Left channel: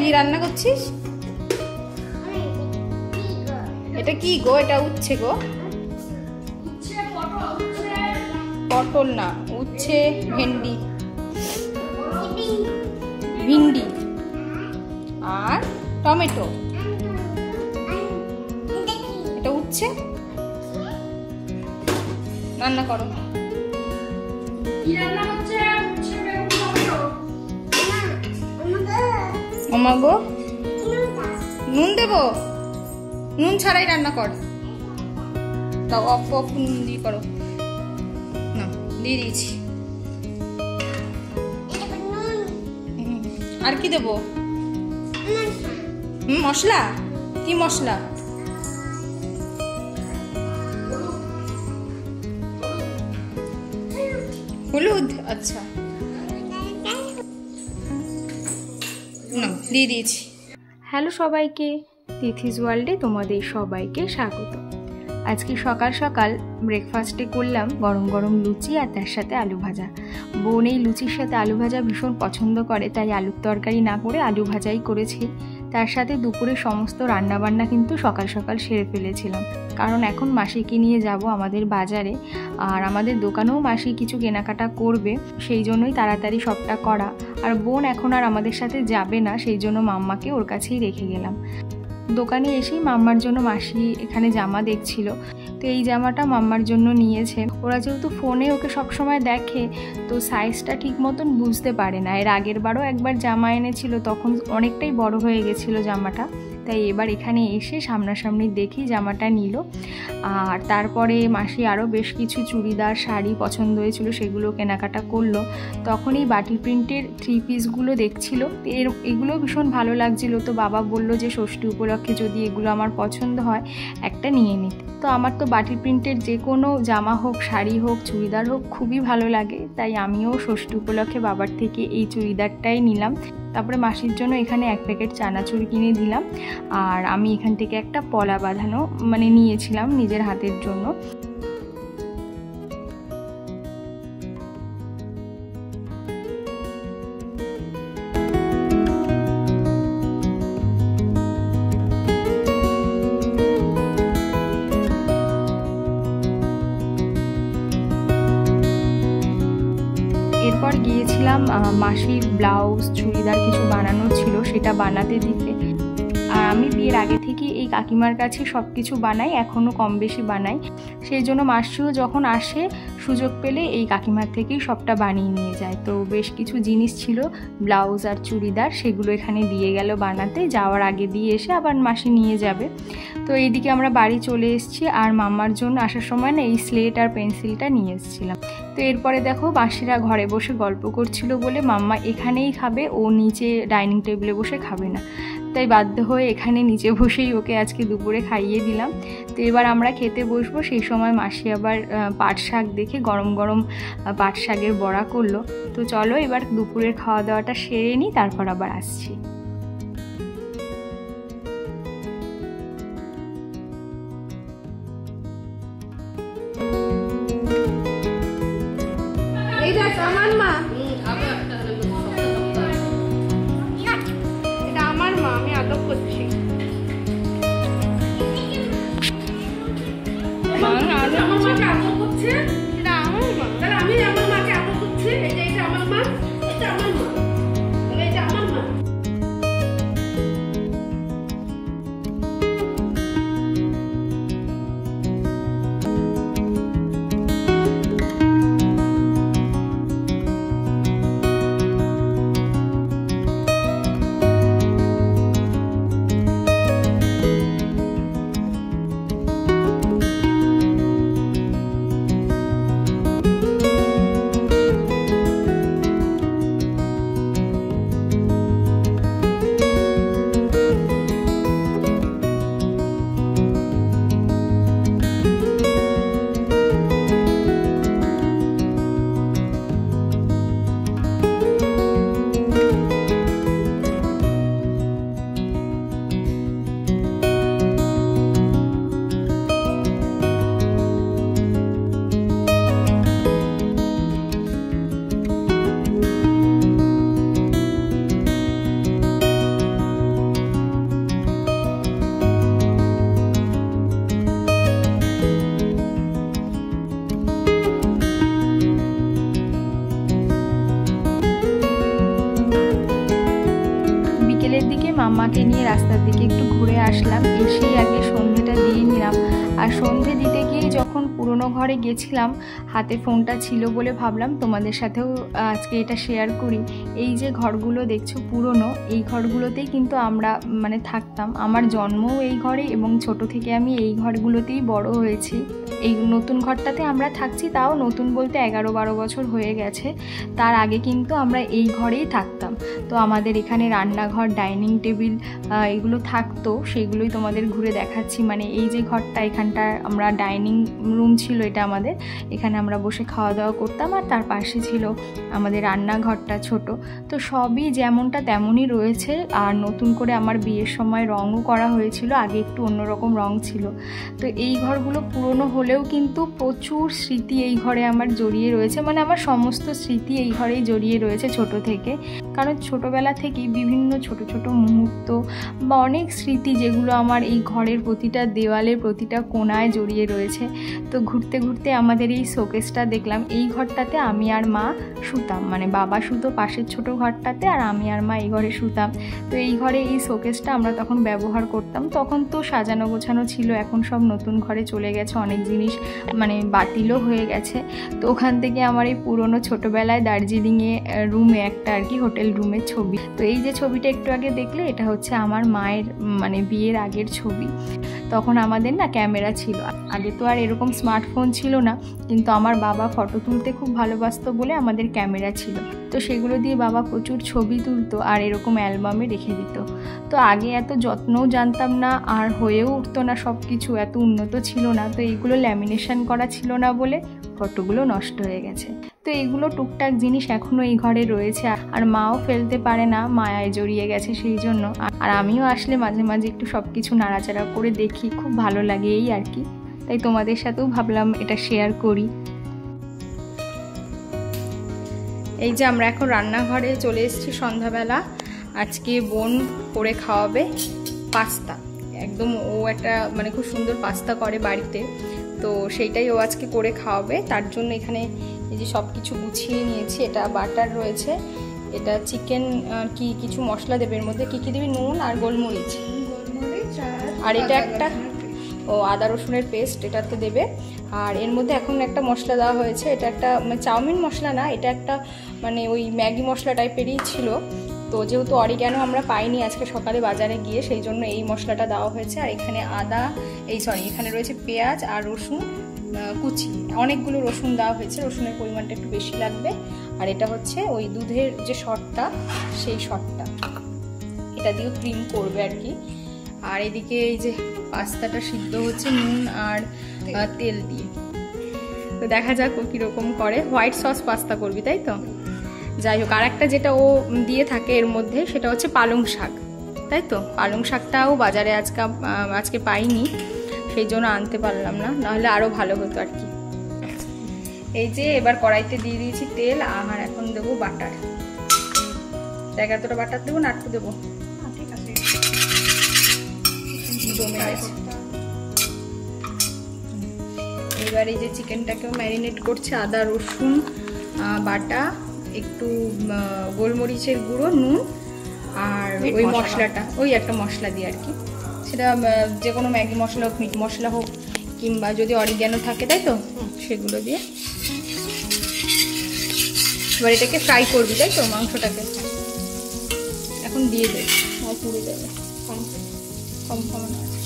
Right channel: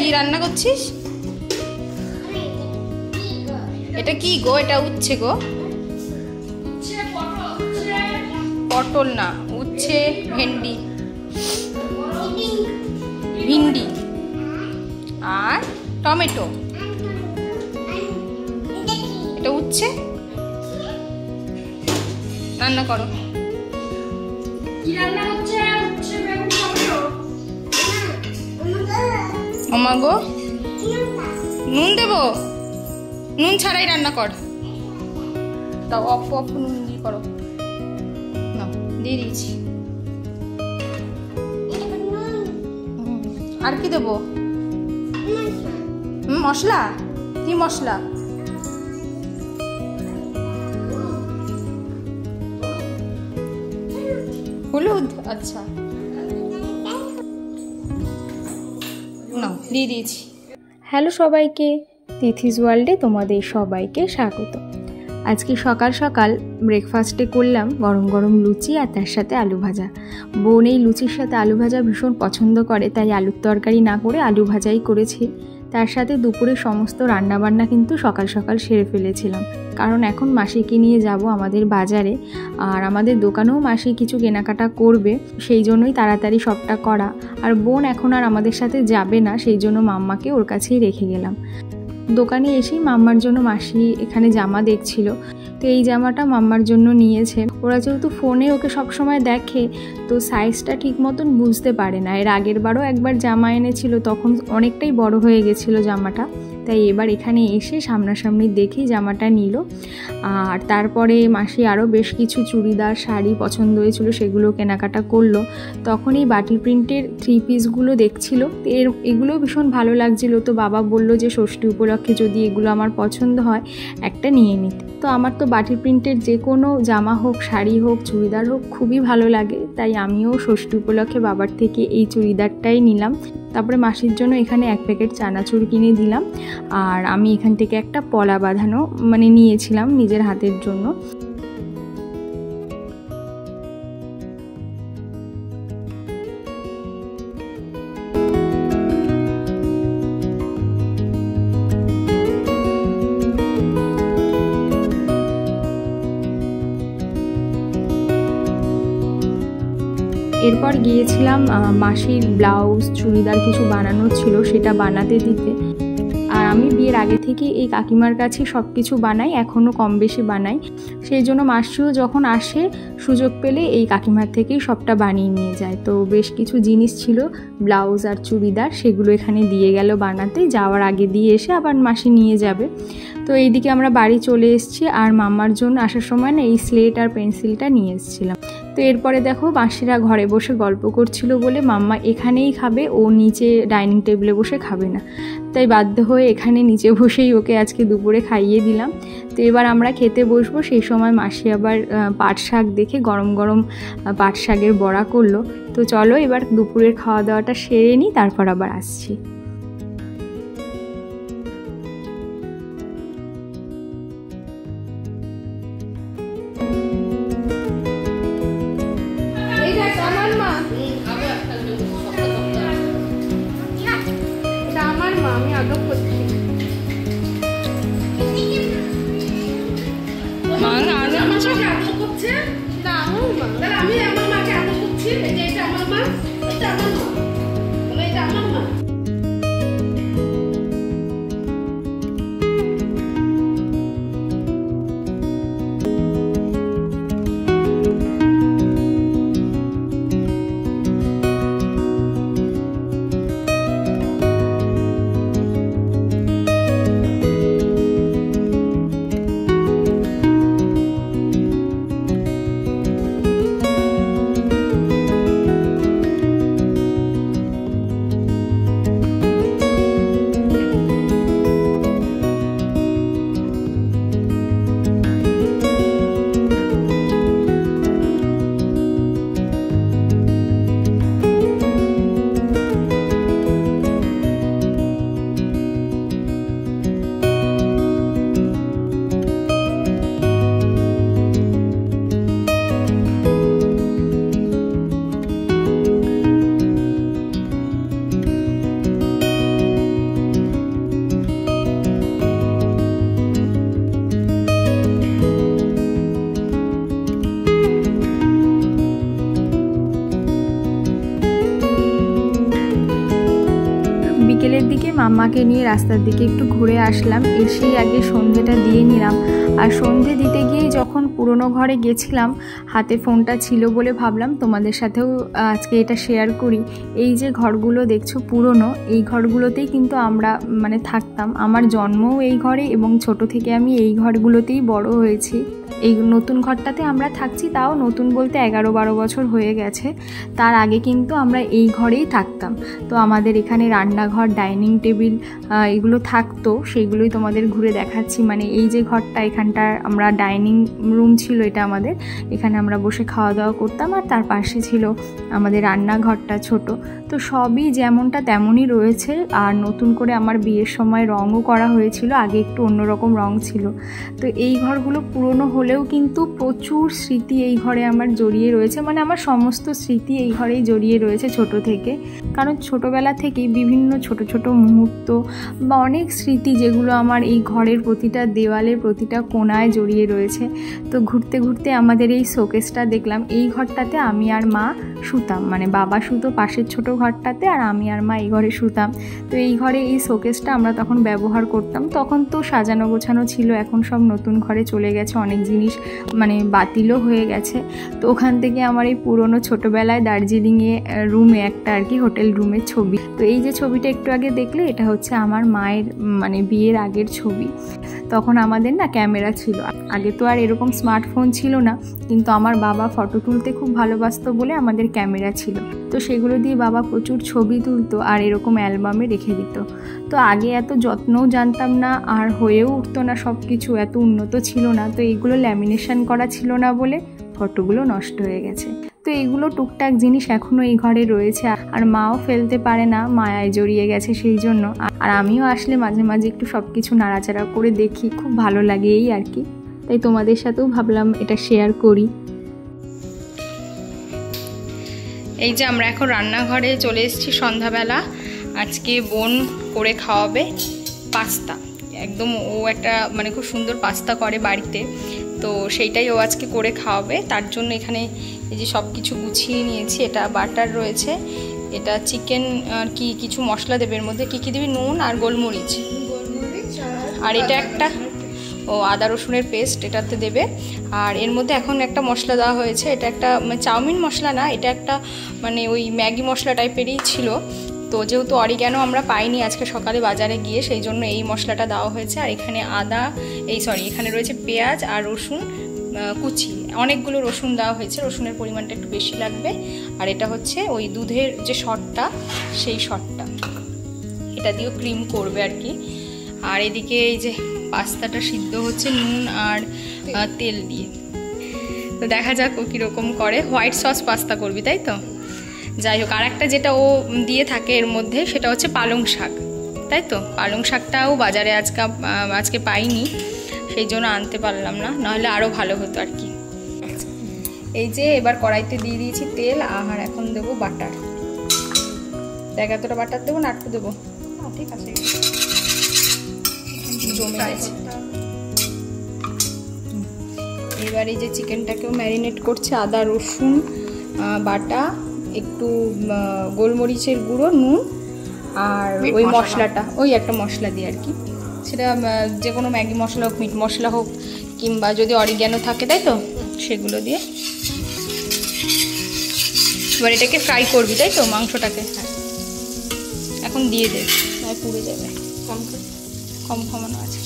কি রান্না করছিস? এটা কি গো? এটা উচ্ছে গো, পটল না, উচ্ছে, ভেন্ডি, ভিন্ডি আর টমেটো। এটা উচ্ছে রান্না করো। ওমা গো, নুন দেবো? নুন ছাড়াই রান্না কর। তাও অল্প অল্প নুন দিয়ে করো। না, দিয়ে দিয়েছি। আর কি দেবো? মশলা? কি মশলা? হলুদ? আচ্ছা, না দিয়ে দিয়েছি। হ্যালো সবাইকে, তিথিস ওয়ার্ল্ডে তোমাদের সবাইকে স্বাগত। আজকে সকাল সকাল ব্রেকফাস্টে করলাম গরম গরম লুচি আর তার সাথে আলু ভাজা। বোন এই লুচির সাথে আলু ভাজা ভীষণ পছন্দ করে, তাই আলুর তরকারি না করে আলু ভাজাই করেছি। তার সাথে দুপুরে সমস্ত রান্নাবান্না কিন্তু সকাল সকাল সেরে ফেলেছিলাম, কারণ এখন মাসিকে নিয়ে যাব আমাদের বাজারে, আর আমাদের দোকানেও মাসি কিছু কেনাকাটা করবে, সেই জন্যই তাড়াতাড়ি সবটা করা। আর বোন এখন আর আমাদের সাথে যাবে না, সেই জন্য মাম্মাকে ওর কাছেই রেখে গেলাম। দোকানে এসেই মাম্মার জন্য মাসি এখানে জামা দেখছিল, তো এই জামাটা মাম্মার জন্য নিয়েছে। ওরা যেহেতু ফোনে ওকে সবসময় দেখে, তো সাইজটা ঠিক মতন বুঝতে পারে না। এর আগের বারও একবার জামা এনেছিল, তখন অনেকটাই বড় হয়ে গেছিলো জামাটা, তাই এবার এখানে এসে সামনাসামনি দেখি জামাটা নিল। আর তারপরে মাসি আরও বেশ কিছু চুড়িদার, শাড়ি পছন্দ হয়েছিল, সেগুলো কেনাকাটা করলো। তখন এই বাটি প্রিন্টের 3 পিসগুলো দেখছিল, এগুলো ভীষণ ভালো লাগছিল। তো বাবা বলল যে ষষ্ঠী উপলক্ষে যদি এগুলো আমার পছন্দ হয় একটা নিয়ে নিতে। তো আমার তো বাটি প্রিন্টের যে কোনো জামা হোক, শাড়ি হোক, চুড়িদার হোক খুবই ভালো লাগে, তাই আমিও ষষ্ঠী উপলক্ষে বাবার থেকে এই চুড়িদারটাই নিলাম। তারপরে মাসির জন্য এখানে 1 প্যাকেট চানাচুর কিনে দিলাম, আর আমি এখান থেকে একটা পলা বাঁধানো নিয়েছিলাম নিজের হাতের জন্য। এরপর গিয়েছিলাম মাসির ব্লাউজ, চুড়িদার কিছু বানানো ছিল, সেটা বানাতে দিতে। আর আমি বিয়ের আগে থেকে এই কাকিমার কাছে সব কিছু বানাই, এখনও কম বেশি বানাই, সেই জন্য মাসিও যখন আসে সুযোগ পেলে এই কাকিমার থেকেই সবটা বানিয়ে নিয়ে যায়। তো বেশ কিছু জিনিস ছিল, ব্লাউজ আর চুড়িদার, সেগুলো এখানে দিয়ে গেল বানাতে, যাওয়ার আগে দিয়ে এসে আবার মাসি নিয়ে যাবে। তো এইদিকে আমরা বাড়ি চলে এসেছি, আর মাম্মার জন্য আসার সময় না এই স্লেট আর পেন্সিলটা নিয়ে এসেছিলাম। তো এরপরে দেখো মাসিরা ঘরে বসে গল্প করছিল বলে মাম্মা এখানেই খাবে, ও নিচে ডাইনিং টেবিলে বসে খাবে না, তাই বাধ্য হয়ে এখানে নিচে বসেই ওকে আজকে দুপুরে খাইয়ে দিলাম। তো এবার আমরা খেতে বসবো, সেই সময় মাসি আবার পাট শাক দেখে গরম গরম পাট শাকের বড়া করলো। তো চলো এবার দুপুরের খাওয়া দাওয়াটা সেরে নিই, তারপর আবার আসছি। বিকেলের দিকে মাম্মাকে নিয়ে রাস্তার দিকে একটু ঘুরে আসলাম, এসেই আগে সন্ধেটা দিয়ে নিলাম। আর সন্ধে দিতে গিয়ে যখন পুরনো ঘরে গেছিলাম, হাতে ফোনটা ছিল বলে ভাবলাম তোমাদের সাথেও আজকে এটা শেয়ার করি। এই যে ঘরগুলো দেখছো পুরনো, এই ঘরগুলোতেই কিন্তু আমরা মানে থাকতাম। আমার জন্মও এই ঘরে এবং ছোট থেকে আমি এই ঘরগুলোতেই বড় হয়েছি। এই নতুন ঘরটাতে আমরা থাকছি, তাও নতুন বলতে 11-12 বছর হয়ে গেছে। তার আগে কিন্তু আমরা এই ঘরেই থাকতাম। তো আমাদের এখানে রান্নাঘর, ডাইনিং টেবিল এগুলো থাকতো, সেগুলোই তোমাদের ঘুরে দেখাচ্ছি। মানে এই যে ঘরটা, এখানটা আমরা ডাইনিং রুম ছিল, এটা আমাদের, এখানে আমরা বসে খাওয়া দাওয়া করতাম। আর তার পাশে ছিল আমাদের রান্নাঘরটা ছোট। তো সবই যেমনটা তেমনই রয়েছে। আর নতুন করে আমার বিয়ের সময় রঙও করা হয়েছিল, আগে একটু অন্যরকম রঙ ছিল। তো এই ঘরগুলো পুরনো হলেও কিন্তু প্রচুর স্মৃতি এই ঘরে আমার জড়িয়ে রয়েছে। মানে আমার সমস্ত স্মৃতি এই ঘরেই জড়িয়ে রয়েছে ছোট থেকে। কারণ ছোটোবেলা থেকেই বিভিন্ন ছোট ছোট মুহূর্ত বা অনেক স্মৃতি যেগুলো আমার এই ঘরের প্রতিটা দেওয়ালের প্রতিটা কোণায় জড়িয়ে রয়েছে। তো ঘুরতে ঘুরতে আমাদের এই শোকেসটা দেখলাম। এই ঘরটাতে আমি আর মা শুতাম, মানে বাবা শুতো পাশের ছোট ঘরটাতে, আর আমি আর মা এই ঘরে শুতাম। তো এই ঘরে এই শোকেসটা আমরা তখন ব্যবহার করতাম। তখন তো সাজানো গোছানো ছিল, এখন সব নতুন ঘরে চলে গেছে, অনেক জিনিস মানে বাতিলও হয়ে গেছে। তো ওখান থেকে আমার এই পুরনো ছোটোবেলায় দার্জিলিংয়ে রুমে একটা আর কি হোটেল রুমের ছবি। তো এই যে ছবিটা একটু আগে দেখলে, এটা হচ্ছে আমার মায়ের মানে বিয়ের আগের ছবি। তখন আমাদের না ক্যামেরা ছিল, আগে তো আর এরকম স্মার্টফোন ছিল না, কিন্তু আমার বাবা ফটো তুলতে খুব ভালোবাসতো বলে আমাদের ক্যামেরা ছিল। তো সেগুলো দিয়ে বাবা প্রচুর ছবি তুলতো আর এরকম অ্যালবামে রেখে দিত। তো আগে এত যত্নও জানতাম না, আর হয়েও উঠতো না, সব কিছু এত উন্নত ছিল না। তো এইগুলো ল্যামিনেশন করা ছিল না বলে ফটোগুলো নষ্ট হয়ে গেছে। তো এইগুলো টুকটাক জিনিস এখনও এই ঘরে রয়েছে, আর মাও ফেলতে পারে না, মায়ায় জড়িয়ে গেছে সেই জন্য। আর আমিও আসলে মাঝে মাঝে একটু সব কিছু নাড়াচাড়া করে দেখি, খুব ভালো লাগে এই আর কি। তাই তোমাদের সাথেও ভাবলাম এটা শেয়ার করি। এই যে আমরা এখন রান্নাঘরে চলে এসেছি সন্ধ্যাবেলা। আজকে বোন করে খাওয়াবে পাস্তা, একদম ও একটা মানে খুব সুন্দর পাস্তা করে বাড়িতে। তো সেইটাই ও আজকে করে খাওয়াবে। তার জন্য এখানে এই যে সব কিছু গুছিয়ে নিয়েছি। এটা বাটার রয়েছে, এটা চিকেন, কি কিছু মশলা দেবে এর মধ্যে, কী দেবে, নুন আর গোলমরিচ, আর এটা একটা আদা রসুনের পেস্ট এটাতে দেবে। আর এর মধ্যে এখন একটা মশলা দেওয়া হয়েছে, এটা একটা চাউমিন মশলা না, এটা একটা মানে ওই ম্যাগি মশলা টাইপেরই ছিল। তো যেহেতু অরিগ্যানো আমরা পাইনি আজকে সকালে বাজারে গিয়ে, সেই জন্য এই মশলাটা দেওয়া হয়েছে। আর এখানে এখানে রয়েছে পেঁয়াজ আর রসুন কুচি, অনেকগুলো রসুন দেওয়া হয়েছে, রসুনের পরিমাণটা একটু বেশি লাগবে। আর এটা হচ্ছে ওই দুধের যে শটটা, সেই শটটা, এটা দিয়েও ক্রিম করবে আর কি। আর এদিকে এই যে পাস্তাটা সিদ্ধ হচ্ছে নুন আর তেল দিয়ে। তো দেখা যাক ও কীরকম করে। হোয়াইট সস পাস্তা করবি তাই তো? যাই হোক, আর একটা যেটা ও দিয়ে থাকে এর মধ্যে, সেটা হচ্ছে পালং শাক, তাই তো? পালং শাকটাও বাজারে আজকে পাইনি, সেই জন্য আনতে পারলাম না, নাহলে আরও ভালো হতো আর কি। এই যে এবার কড়াইতে দিয়ে দিয়েছি তেল, আর এখন দেবো বাটার। দেখ এতটা বাটার দেবো না একটু দেবো? ঠিক আছে, জমে গেছে। এবার এই যে চিকেনটাকেও ম্যারিনেট করছে, আদা রসুন বাটা, একটু গোলমরিচের গুঁড়ো, নুন, আর ওই মশলাটা, ওই একটা মশলা দিয়ে আর কি, সেটা যে কোনো ম্যাগি মশলা হোক, মিট মশলা হোক, কিংবা যদি অরিগ্যানো থাকে তাই তো, সেগুলো দিয়ে। এবার এটাকে ফ্রাই করবি তাই তো, মাংসটাকে এখন দিয়ে দে, নয় পুড়ে যাবে। কম কমানো আছে।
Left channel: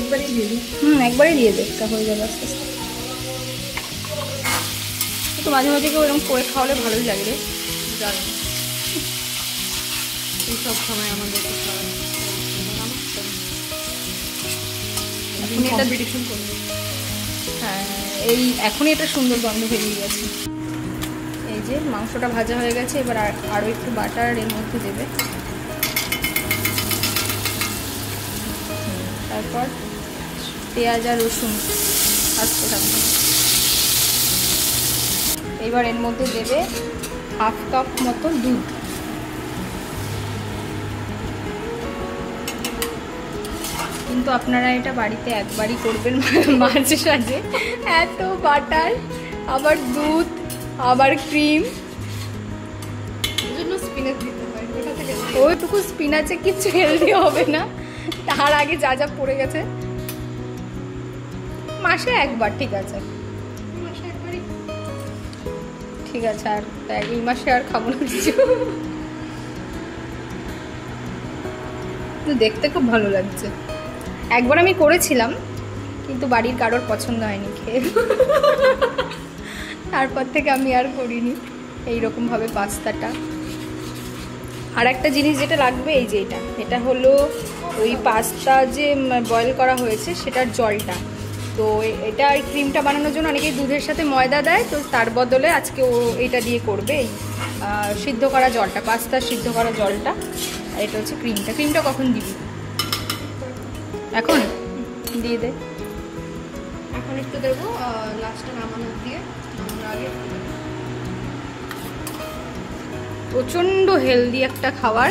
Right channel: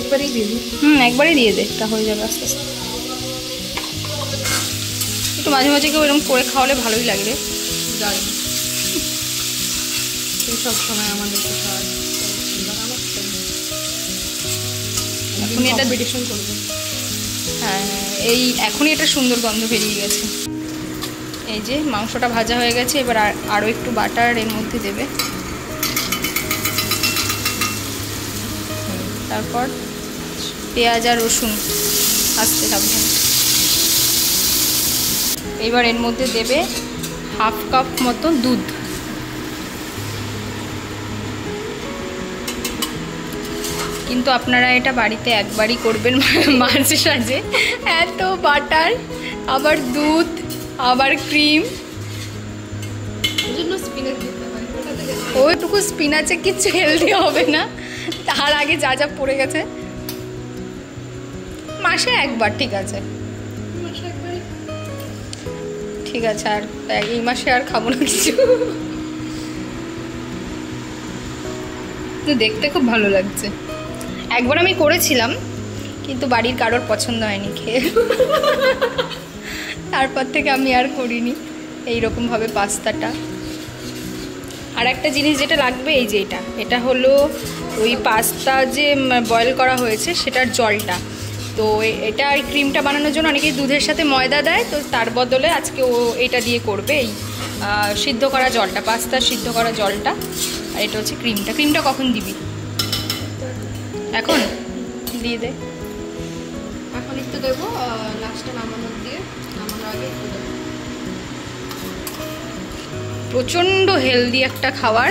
একবারই দিয়ে দিই। একবারই দিয়ে দে, এটা হয়ে যাবে আস্তে আস্তে। একটু মাঝে মাঝে কেউ এরকম করে খাওয়ালে ভালোই লাগে রে। সব সময় আমাদের এখন এটা কম্পিটিশন করবে। হ্যাঁ, এখনই এটা সুন্দর গন্ধ বেরিয়ে গেছে। এই যে মাংসটা ভাজা হয়ে গেছে, এবার আরও একটু বাটার এর মধ্যে দেবে। তারপর পেঁয়াজ আর রসুন আস্তে সাবধানে। এবার এর মধ্যে দেবে হাফ কাপ মতো দুধ। কিন্তু আপনারা এটা বাড়িতে একবারই করবেন মাঝে সাঝে, এত বাটার আবার দুধ, আবার ক্রিম। ওইটুকু স্পিনাচে কিছু হেলদি হবে না, তার আগে যা যা পড়ে গেছে। মাসে একবার ঠিক আছে, ঠিক আছে। আর এই মাসে আর খাবো না কিছু। দেখতে খুব ভালো লাগছে। একবার আমি করেছিলাম কিন্তু বাড়ির কারোর পছন্দ হয়নি খেয়ে, তারপর থেকে আমি আর করিনি এইরকমভাবে পাস্তাটা। আর একটা জিনিস যেটা লাগবে এই যে এটা হলো ওই পাস্তা যে বয়েল করা হয়েছে সেটার জলটা। তো এটা আর ক্রিমটা বানানোর জন্য অনেকেই দুধের সাথে ময়দা দেয়, তো তার বদলে আজকে ও এটা দিয়ে করবে, এই সিদ্ধ করা জলটা, পাস্তা সিদ্ধ করা জলটা। আর এটা হচ্ছে ক্রিমটা। ক্রিমটা কখন দিবি? এখন দিয়ে দে। এখন একটু দেবো, লাস্টে নামানোর দিয়ে, নামানোর আগে একটু দেবো। প্রচণ্ড হেলদি একটা খাবার।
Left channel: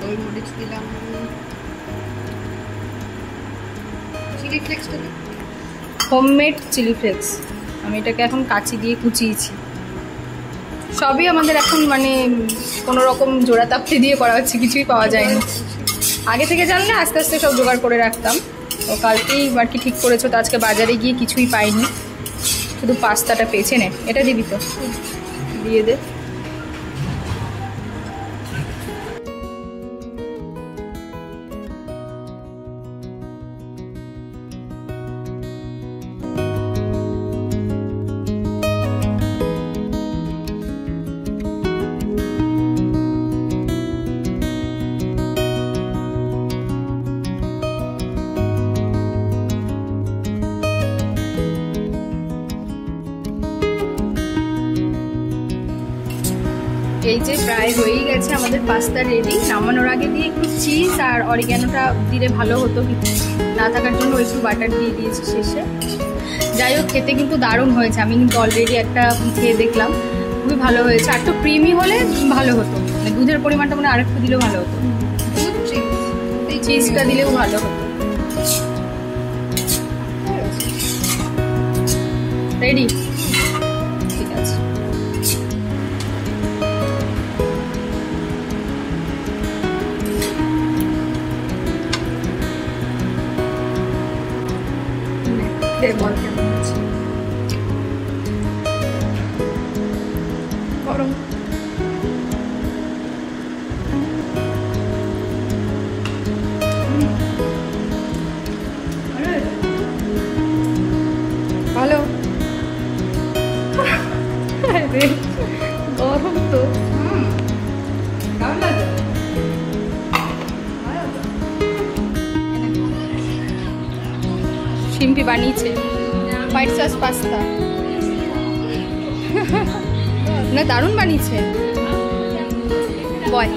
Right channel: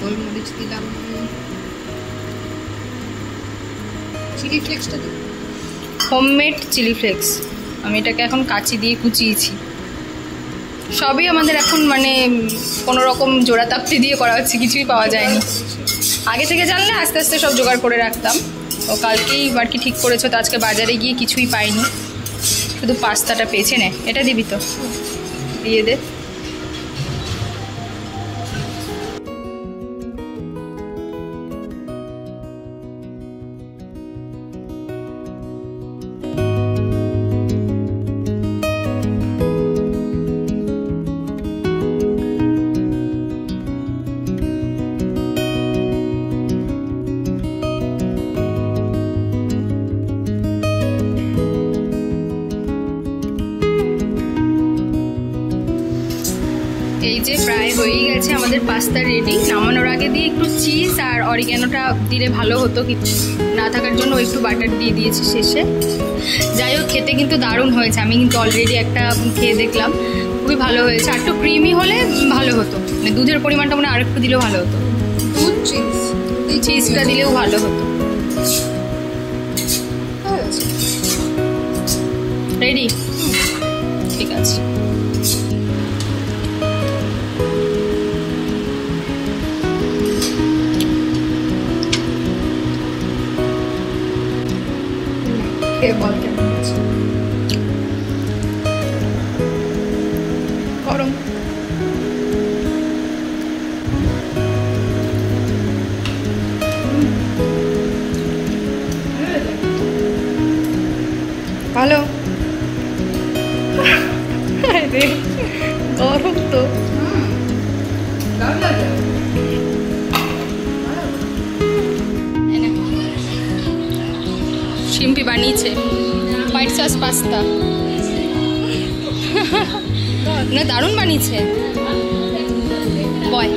গোলমরিচ দিলাম, চিলি ফ্লেক্সটা দিই, হোমমেড চিলি ফ্লেক্স। আমি এটাকে এখন কাঁচি দিয়ে কুচিয়েছি। সবই আমাদের এখন মানে কোনো রকম জোড়া তাপ্তি দিয়ে করা হচ্ছে, কিছুই পাওয়া যায়নি। আগে থেকে জানলে আস্তে আস্তে সব জোগাড় করে রাখতাম। ও কালকেই আর কি ঠিক করেছো, তো আজকে বাজারে গিয়ে কিছুই পাইনি, শুধু পাস্তাটা পেয়েছে। নে এটা দিবি তো, দিয়ে দে। এই যে প্রায় হয়েই গেছে আমাদের পাস্তা রেডি। নামানোর আগে দিয়ে একটু চিজ আর অরিগ্যানোটা দিলে ভালো হতো, কিন্তু না থাকার জন্য একটু বাটার দিয়ে দিয়েছি শেষে। যাই হোক, খেতে কিন্তু দারুণ হয়েছে। আমি কিন্তু অলরেডি একটা খেয়ে দেখলাম, খুবই ভালো হয়েছে। আর একটু ক্রিমি হলে ভালো হতো, মানে দুধের পরিমাণটা মনে আর একটু দিলেও ভালো হতো। দুধ চিজটা দিলেও ভালো হতো। রেডি? ঠিক আছে। গরম। ভালো। গরম তো। শিম্পি বানিয়েছে হোয়াইট সস পাস্তা। না দারুণ বানিয়েছে বয়।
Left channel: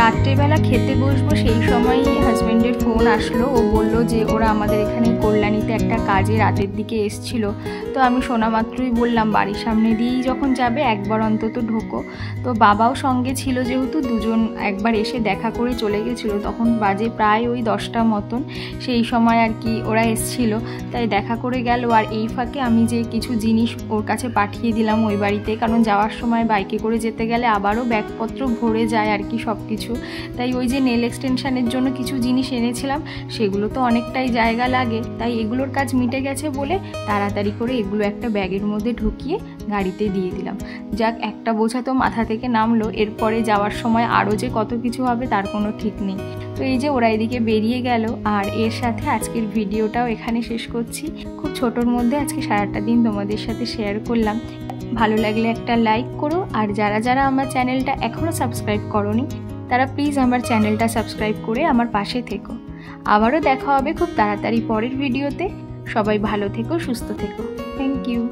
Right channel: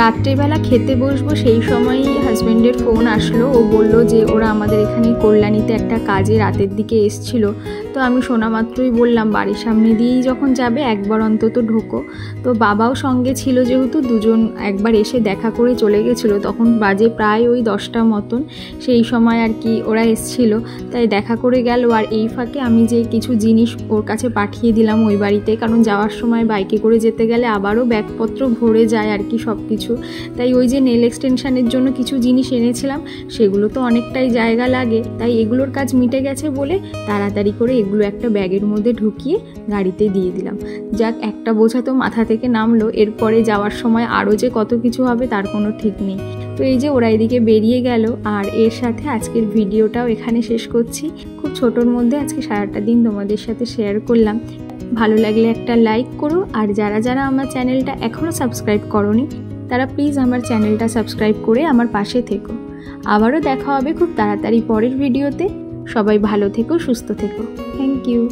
রাত্রিবেলা খেতে বসবো সেই সময়ই হাজব্যান্ডের ফোন আসলো। ও বলল যে ওরা আমাদের এখানে কল্যাণীতে একটা কাজে রাতের দিকে এসছিল, তো তো আমি শোনা মাত্রই বললাম বাড়ির সামনে দিয়েই যখন যাবে একবার অন্তত ঢোকো। তো বাবাও সঙ্গে ছিল, যেহেতু দুজন একবার এসে দেখা করে চলে গেছিলো, তখন বাজে প্রায় ওই 10টা মতন, সেই সময় আর কি ওরা এসছিল, তাই দেখা করে গেল। আর এই ফাঁকে আমি যে কিছু জিনিস ওর কাছে পাঠিয়ে দিলাম ওই বাড়িতে, কারণ যাওয়ার সময় বাইকে করে যেতে গেলে আবারও ব্যাগপত্র ভরে যায় আর কি সব কিছু। তাই ওই যে নেল এক্সটেনশানের জন্য কিছু জিনিস এনেছিলাম, সেগুলো তো অনেকটাই জায়গা লাগে, তাই এগুলোর কাজ মিটে গেছে বলে তাড়াতাড়ি করে এগুলো একটা ব্যাগের মধ্যে ঢুকিয়ে গাড়িতে দিয়ে দিলাম। যাক, একটা বোঝা তো মাথা থেকে নামলো, এরপরে যাওয়ার সময় আরও যে কত কিছু হবে তার কোনো ঠিক নেই। তো এই যে ওরা এদিকে বেরিয়ে গেল, আর এর সাথে আজকের ভিডিওটাও এখানে শেষ করছি। খুব ছোটোর মধ্যে আজকে সারাটা দিন তোমাদের সাথে শেয়ার করলাম। ভালো লাগলে একটা লাইক করো, আর যারা যারা আমার চ্যানেলটা এখনও সাবস্ক্রাইব করোনি তারা প্লিজ আমার চ্যানেলটা সাবস্ক্রাইব করে আমার পাশে থেকো। আবারও দেখা হবে খুব তাড়াতাড়ি পরের ভিডিওতে। সবাই ভালো থেকো, সুস্থ থেকো। Thank you.